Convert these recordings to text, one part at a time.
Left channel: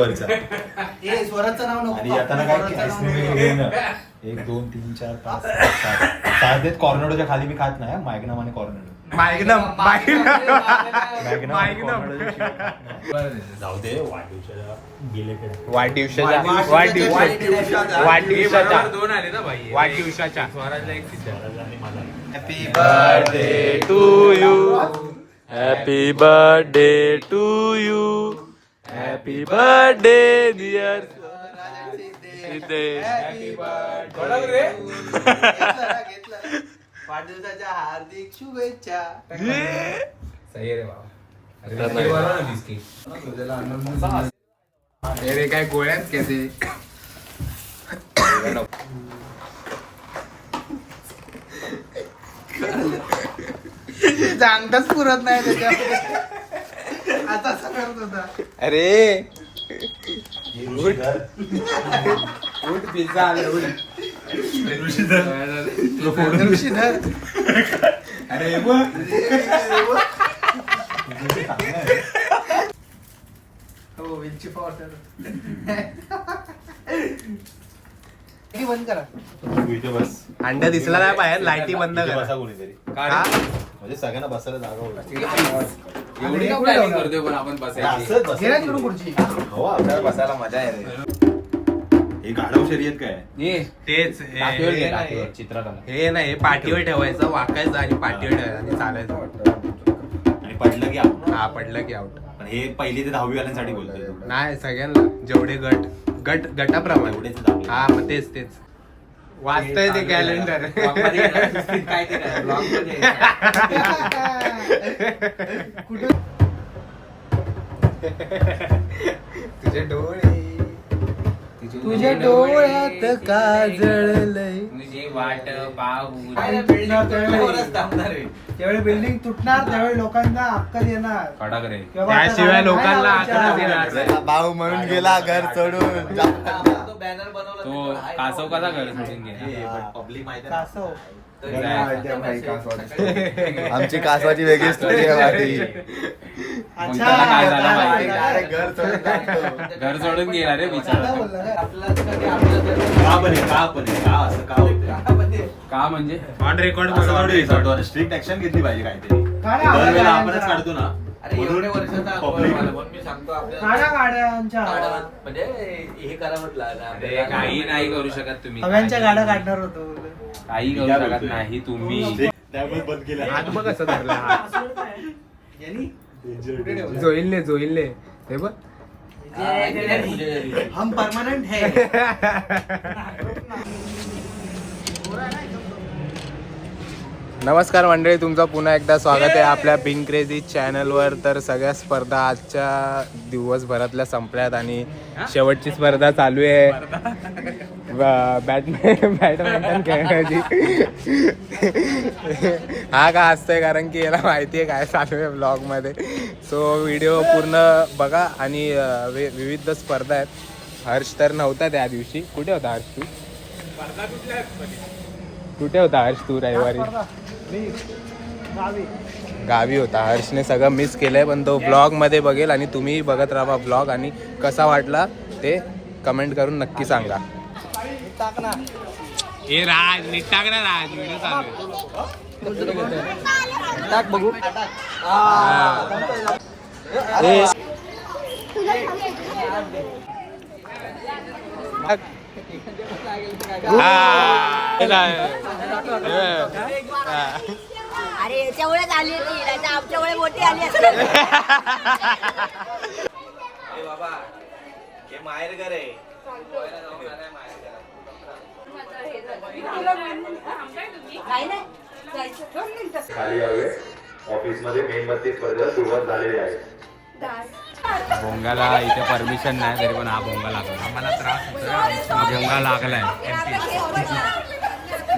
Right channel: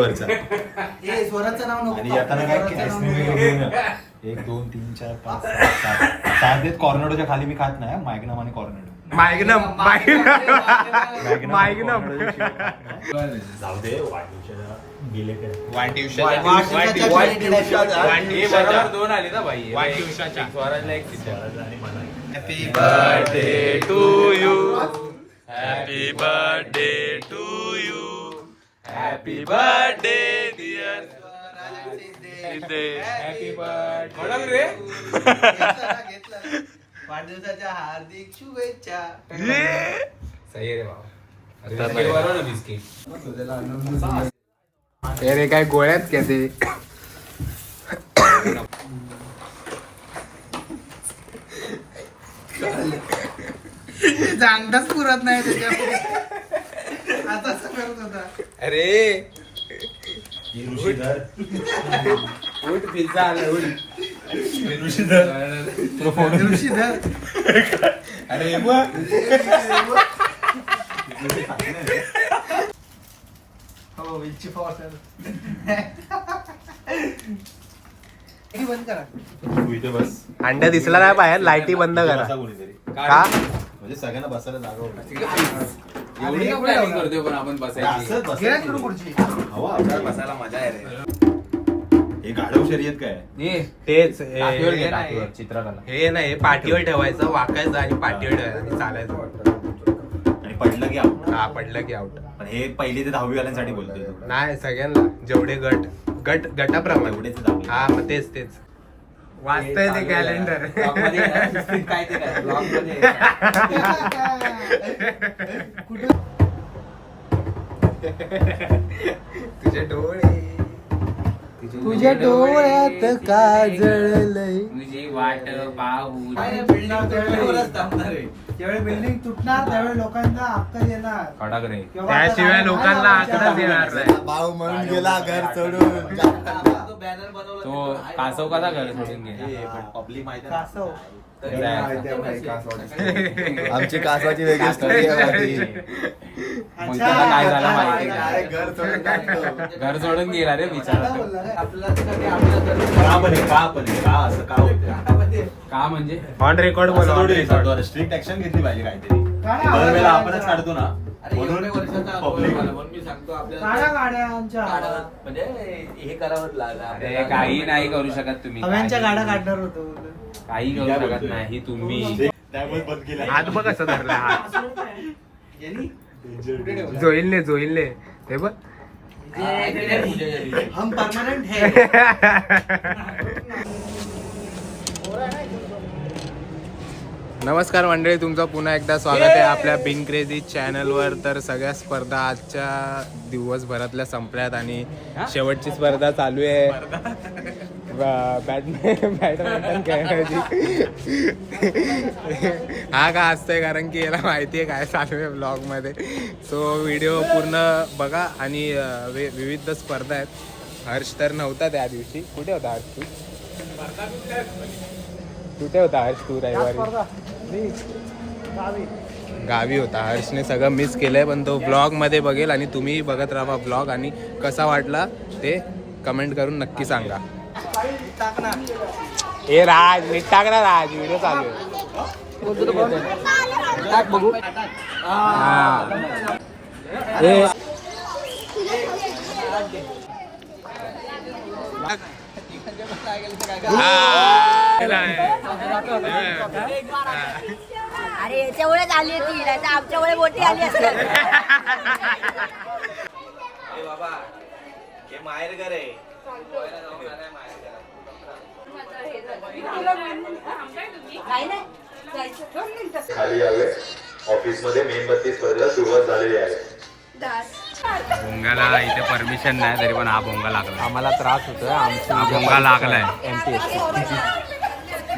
स्वराचं नाव नको. आणि आता काय आईस्क्रीम वगैरे घेऊन 1 2 3 4 5 6 7 कॉर्नडोच्या खाली मी खात नाही मायग्नम आणि कॉर्नडो. मायग्नम जाऊ दे वाढदिवसाला गेले वाढदिवसाच्या happy birthday to you happy birthday to you happy birthday dear वाढदिवसाच्या हार्दिक शुभेच्छा. अरे काय गोळ्यात क्या ते सांगताच पुरत नाही आता सांगत होता. अरे उठ पिझ्झा आला अरे बंद करा. बस अंडा दिसला नाही बाहेर लाईटी बंद करा कोणीतरी का म्हणजे सगळ्यांना बसायला जागा होती. एवढी का प्लॅनिंग करतोय पण आपण बसायची असंच गेला तिकडून खुर्ची. हो आपल्याला बसायला मजा येते. हे गाढव शर्यत काय तेच टाकीवर घे, टाकीवर, चित्रकला. हे नाही पाठीवर ठेवायचं वाकायचं आणि पाठीवर ठेवायचं आणि चालायचं आणि पडलं की आउट. हा पडलं की आउट. पण हे पहिली ते 10वी वाल्यांसाठी बोलतोय तू. नाही सगळ्यांना जेवढे गटाप्रमाणे एवढेच दहावी. हा मग तेच वाचतंय ते कॅलेंडर. काय ते काय ब्लॉग मध्ये तुझे डोळे तुझ्या डोळ्यात काजळलंय. तुझी वाट पाहू त्यावेळी बिल्डिंग तुटणार त्यावेळी लोकांना अक्कल येणार. कडक रे. त्याशिवाय लोकांना अकराच येणार नाही. भाऊ म्हणून गेला घर सोडून. तो कासव कसा घर सोडून हे पण पब्लिक माहिती आहे. कासव. आमची कासवाची वेगळी स्टोरी आहे. मग त्याला काय झालं माहिती नाही. घर सोडून गेला रे बिचारा तो. का असं का होतं? का म्हणजे ऑन रेकॉर्ड बोला. स्ट्रिक्ट ऍक्शन घेतली पाहिजे काहीतरी. दरवेळेला आपणच काढतो ना पब्लिक म्हणजे हे करावंच लागलं. काही नाही करू शकत तुम्ही. हव्यांच्या गाड्या काढणार होतो. काही करू शकत नाही तुम्ही. त्यामुळे बंद केलं. हात बघ कसं धरला हात. जोईलने हे बघ. हम परमानेंट है. नमस्कार मंडळी, तुमचं पुन्हा एकदा स्वागत आहे आपल्या बिन क्रेझी चॅनलवर. तर सगळ्या स्पर्धा आजच्या दिवसभरातल्या संपल्यात आणि शेवटची स्पर्धा चालू आहे बॅडमिंटन खेळण्याची. हा का असतंय कारण की याला माहिती आहे काय चालू आहे ब्लॉगमध्ये. सो व्हिडिओ पूर्ण बघा आणि विविध स्पर्धा आहेत. हर्ष तर नव्हता त्या दिवशी. कुठे होता हर्ष तू? कुठे होता हर्ष तू रविवारी? गावी होता. हर्षने सगळं मिस केलंय पण तो ब्लॉग मध्ये बघेल आणि तुम्ही बघत राहा ब्लॉग. आणि कसा वाटला ते कमेंट करून नक्की सांगा. ए राज नीट टाक ना राज, व्हिडिओ चालू आहे. टाक बघू. अरे याच्यामुळेच आली ती, नाही तर आमच्यामुळे मोठी आली असेल. बाबा हे माहेर घर आहे. खाली यावे. ऑफिस मध्ये मेणबत्ती स्पर्धेला सुरुवात झालेली आहे. भोंगाला इथे परमिशन नाही तरी पण हा भोंगा लागला. आम्हाला त्रास होतोय. हा भोंगा लागलाय.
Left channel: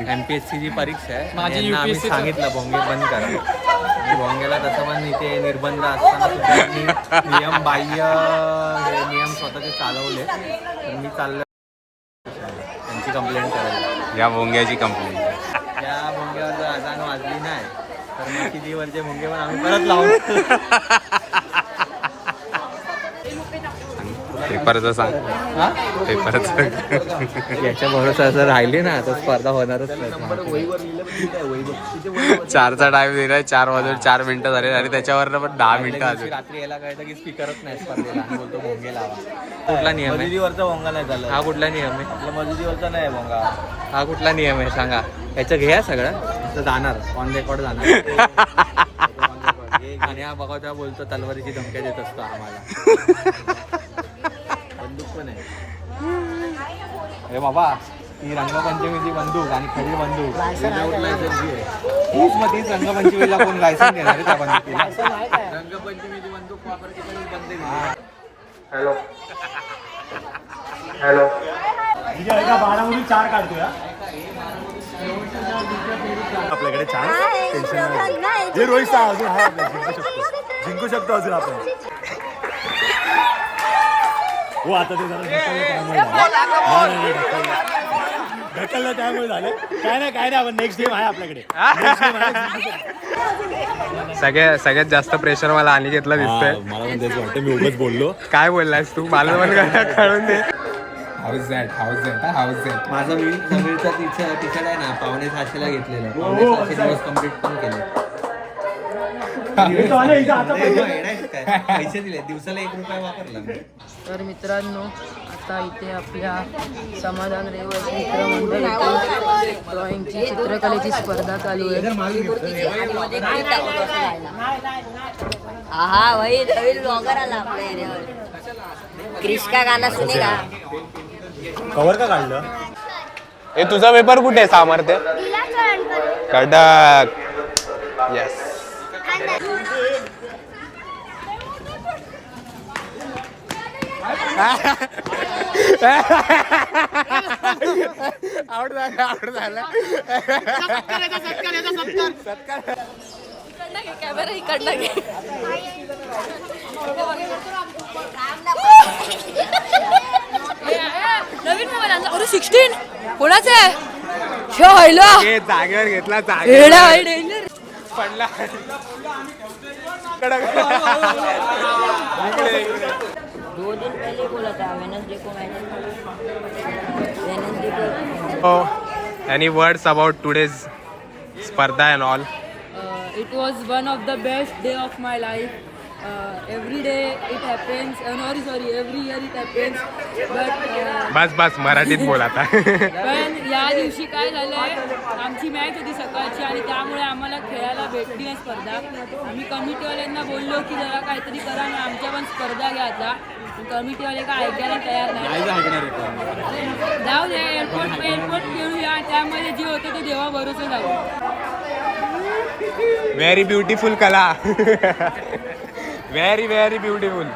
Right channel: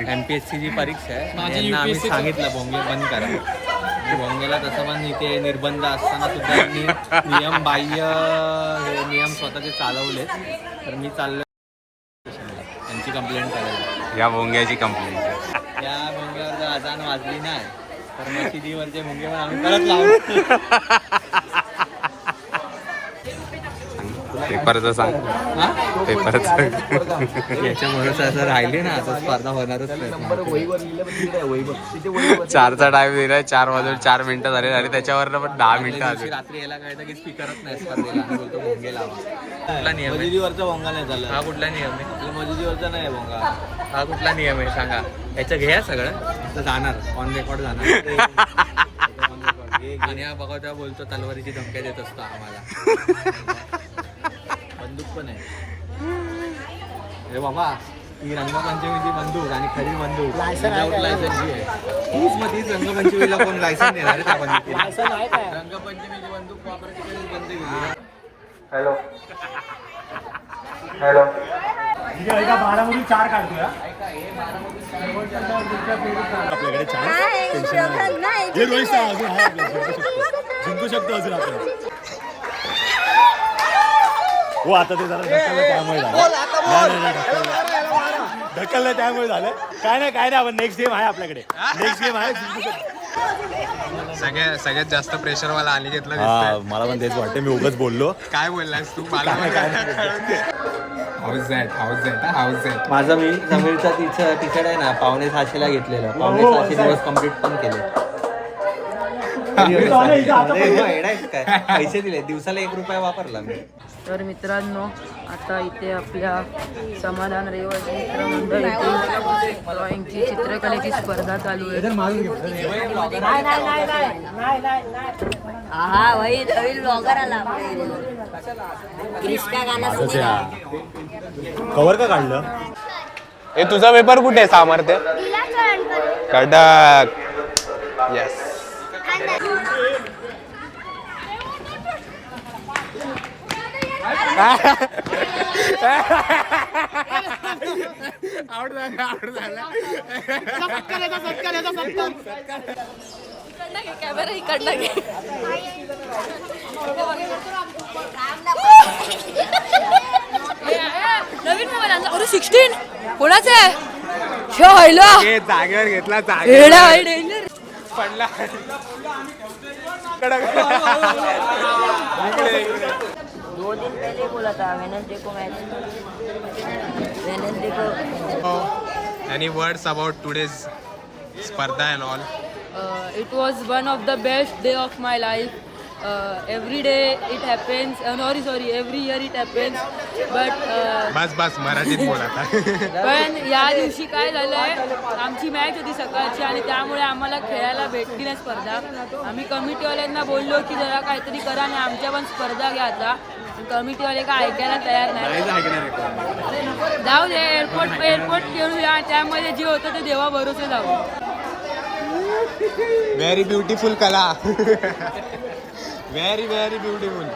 एमपीएससी ची परीक्षा आहे. यांना आम्ही सांगितलं भोंगे बंद करा. भोंगेला तसं पण इथे निर्बंध असताना सुद्धा यांनी नियम बाह्य हे नियम स्वतःचे चालवले. तर मी चाललो त्यांची कंप्लेंट करायला. या भोंग्याची कंप्लेंट. या भोंग्यावर जर अजान वाजली नाही तर मशिदीवरचे भोंगे पण आम्ही परत लावू. पेपरचं सांग. हा पेपरचं याच्या भरोसा जर राहिले ना तर स्पर्धा होणारच नाही. 4चा टाइम दिलाय. 4 वाजून 4 मिनिटं झाले आणि त्याच्यावर पण 10 मिनिटं दिवशी अजून. रात्री यायला कळतं की स्पीकरच नाही स्पर्धेला आणि बोलतो भोंगे लावा. कुठला नियम आहे? मजुरीवरचा भोंगा नाही झाला. हा कुठला नियम आहे? आपला मजुरीवरचा नाही भोंगा. हा कुठला नियम आहे सांगा. याचं घ्या सगळं तर जाणार ऑन रेकॉर्ड जाणार. आणि हा बघा तेव्हा बोलतो तलवारीची धमक्या देत असतो आम्हाला. बंदूक पण आहे. अरे बाबा ही रंगपंचमीची बंदूक आणि खरी बंदूक विदाऊट लायसन्सची आहे. हीच मग तीच रंगपंचमीला कोण लायसन्स देणार आहे त्या बंदुकीला? रंगपंचमीची बंदूक वापरायची कधी बंद केली. Hello hello. बारामधून 4 काढतोय आपल्याकडे छान टेन्शन नाही. हे रोहित शहा अजून आहे आपल्याला, जिंकू शकतो अजून आपण. हो आता ते जरा ढकललं त्यामुळे झालं. नाही ढकललं त्यामुळे झालं. काय नाही आपण नेक्स्ट गेम आहे आपल्याकडे. नेक्स्ट गेम आहे. सगळ्यात जास्त प्रेशर मला अनिकेतला दिसतंय. मला पण तेच वाटतं. मी उगाच बोललो. काय बोललास तू? मला पण काय कळून दे. House that. माझं मी जमीनचा टी शर्ट आहे ना 550ला घेतलेलं. 550 दिवस कम्प्लीट पण केले. पैसे दिले दिवसाला 1 रुपया वापरला मी. तर मित्रांनो आता इथे आपल्या समाधान रहिवासी मित्रमंडळीतील ड्रॉइंगची चित्रकलेची स्पर्धा चालू आहे. हा भाई नवीन ब्लॉगर आला आपल्या इथे. क्रिस्का गाणं सुनेगा. कवर का काढलं? ए तुझा पेपर कुठे आहे सामर्थ्य? कडक. येस. आउट झाला. कॅमेरा इकडनं घे. नवीन मोबाईल आणला. अरे 16 कोणाचं आहे? जागेवर घेतला. डेंजर. पडला. 2 दिन पहले बोला था वेडनेसडे को मैच. वेडनेसडे को एनी वर्ड्स अबाउट टुडेज स्पर्धा end all? It was one of the best day of my life. Every day it happens. Every year it happens. But बस मराठीत बोल आता. पण या दिवशी काय झालंय, आमची मॅच होती सकाळची आणि त्यामुळे आम्हाला खेळायला भेटली नाही स्पर्धा. आम्ही कमिटीवाल्यांना बोललो की जरा काहीतरी करा आणि आमच्या पण स्पर्धा घ्या आता. कमिटीवाले काय ऐकायला तयार नाही. जाऊ दे, एअरपोर्ट खेळूया. त्यामध्ये जे होतं ते देवा भरोसे जाऊ. व्हेरी ब्युटिफुल कला. Very beautiful.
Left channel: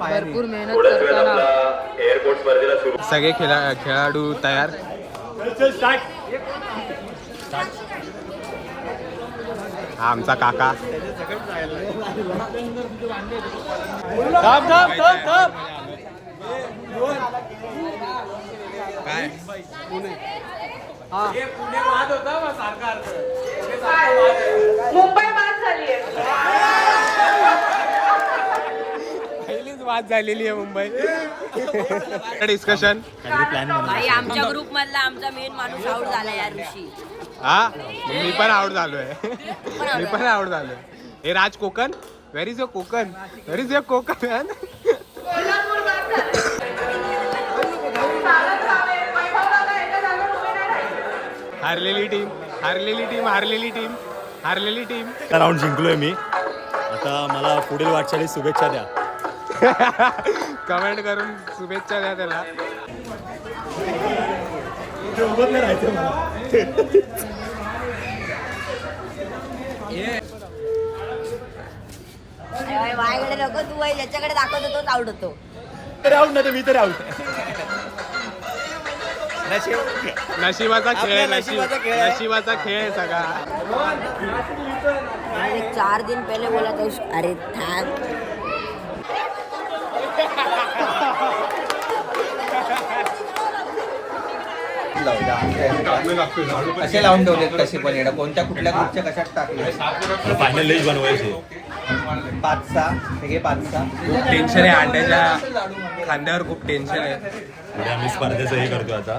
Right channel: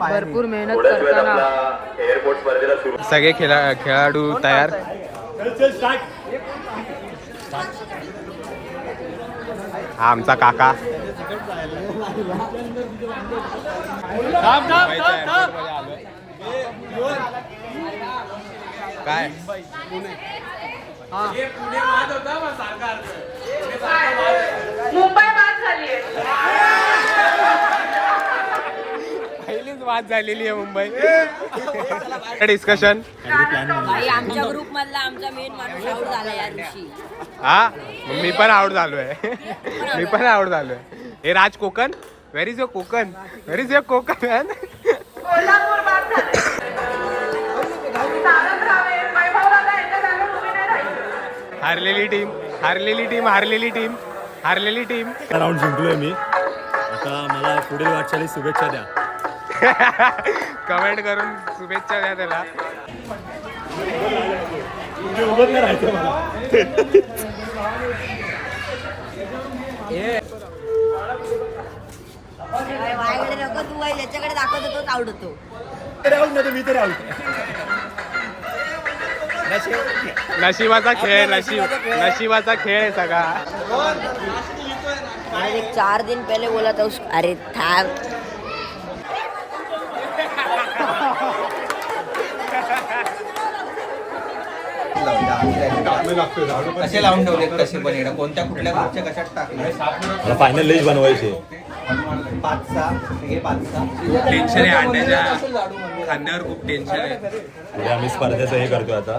भरपूर मेहनत करताना सगळे खेळाडू तयार. हा आमचा काका. काय पहिलीच वाद झालेली आहे मुंबई. डिस्कशन. भाई आमच्या ग्रुप मधला आमचा मेन माणूस आउट झाला या ऋषी. हा मी पण आउट झालोय. हे Raj Konkan. Where is your Konkan? हारलेली टीम. राऊंड जिंकलोय मी. आता मला पुढील वाटचालीस शुभेच्छा द्या. कमेंट करून शुभेच्छा द्या त्याला. माझ्याकडे नको तू आहे याच्याकडे दाखवतो तोच आउट होतो. आउट नाही मी तर आउट. नशिबाचा खेळ आहे सगळा. 4 दिन पहले बोला था उस. अरे थांब. कसे लावून ठेवले कसे पण कोणत्या कुठल्या ग्रुपच्या कशात टाकले. फायनल लिस्ट बनवायची. टेन्शन आहे अंड्याच्या खांद्यावर खूप टेन्शन आहे. उद्या आम्ही स्पर्धेचं हे करतो आता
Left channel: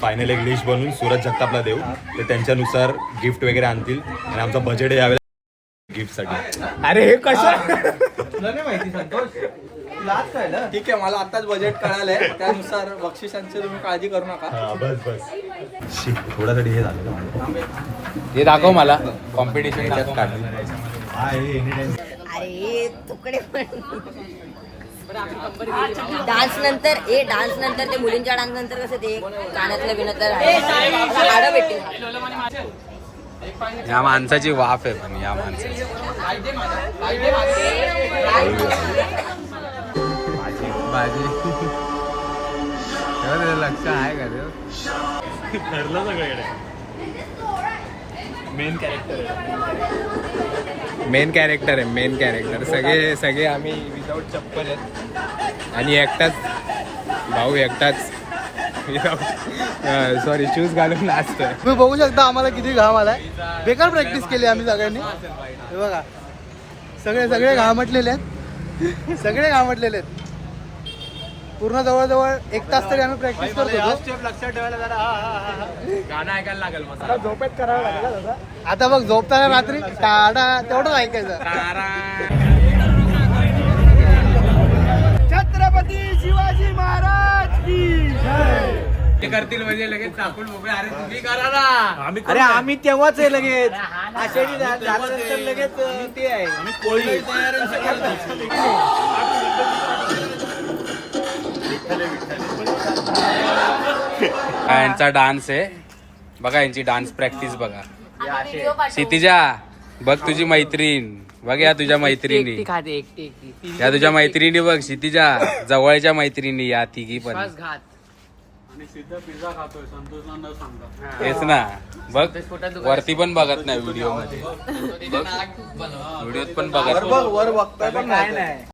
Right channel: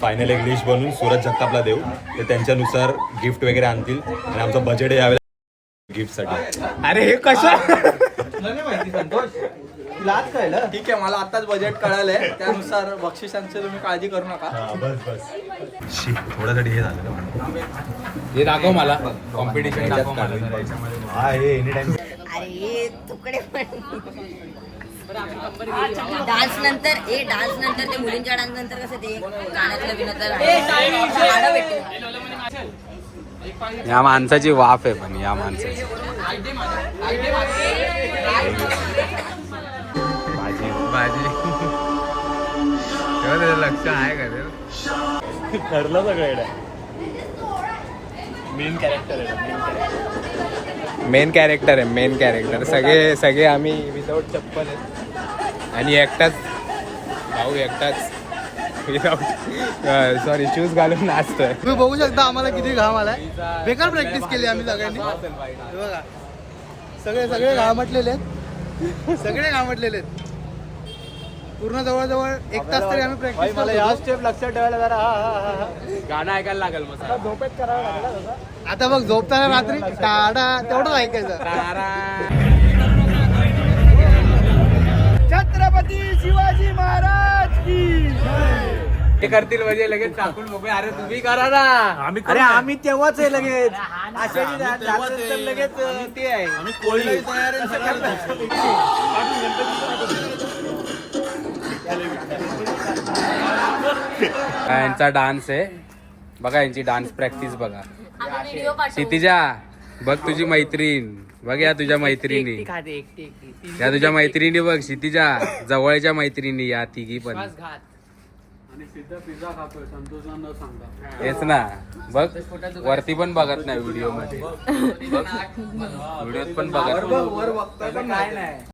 फायनल एक लिस्ट बनवून सूरज जगतापला देऊ ते त्यांच्यानुसार गिफ्ट वगैरे आणतील आणि आमचं बजेट यावेळेला गिफ्ट साठी. अरे हे कसं ठीक आहे, मला आताच बजेट कळालंय, त्यानुसार बक्षिसांची तुम्ही काळजी करू नका. बस बस थोड्यासाठी हे झालं. हे दाखव मला कॉम्पिटिशन याच्यात काढ. हा हे एनी टाइम अरे तुकडे डान्स नंतर ते मुलींच्या डान्स नंतर कसं ते कानातलं बिनातलं गाणं भेटेल. या माणसाची वाफ आहे पण या माणसाची भाजी लक्ष आहे का ते ठरलं सगळं. मेन कॅरेक्टर सगळे आम्ही विदाऊट चप्पल आहेत आणि एकटाच विदाऊट सॉरी शूज घालून नाचतोय. तुम्ही बघू शकता आम्हाला किती घाम आलाय. बेकार प्रॅक्टिस केली आम्ही सगळ्यांनी. हे बघा सगळे घामटलेले आहेत. पूर्ण जवळजवळ 1 तास तरी आम्ही प्रॅक्टिस करत होतो. लक्षात ठेवायला जरा गाणं ऐकायला लागेल मग आता बघ झोपताना रात्री टाडा तेवढंच ऐकायचं. छत्रपती शिवाजी महाराज की करतील म्हणजे लगेच टाकून मोकळे. अरे तुम्ही करा ना. अरे आम्ही तेव्हाच आहे लगेच आषाढी झाल्यानंतर लगेच ते आहे कोळी. यांचा डान्स आहे बघा, यांची डान्स प्रॅक्टिस बघा. क्षितिजा बघ तुझी मैत्रीण बघ, या तुझ्या मैत्रिणी या तुझ्या मैत्रिणी बघ. क्षितिजा जवळच्या मैत्रिणी या तिघी पण तेच ना बघ. वरती पण बघत नाही व्हिडिओ मध्ये, व्हिडिओत पण बघत वर बघतोय पण काय नाही.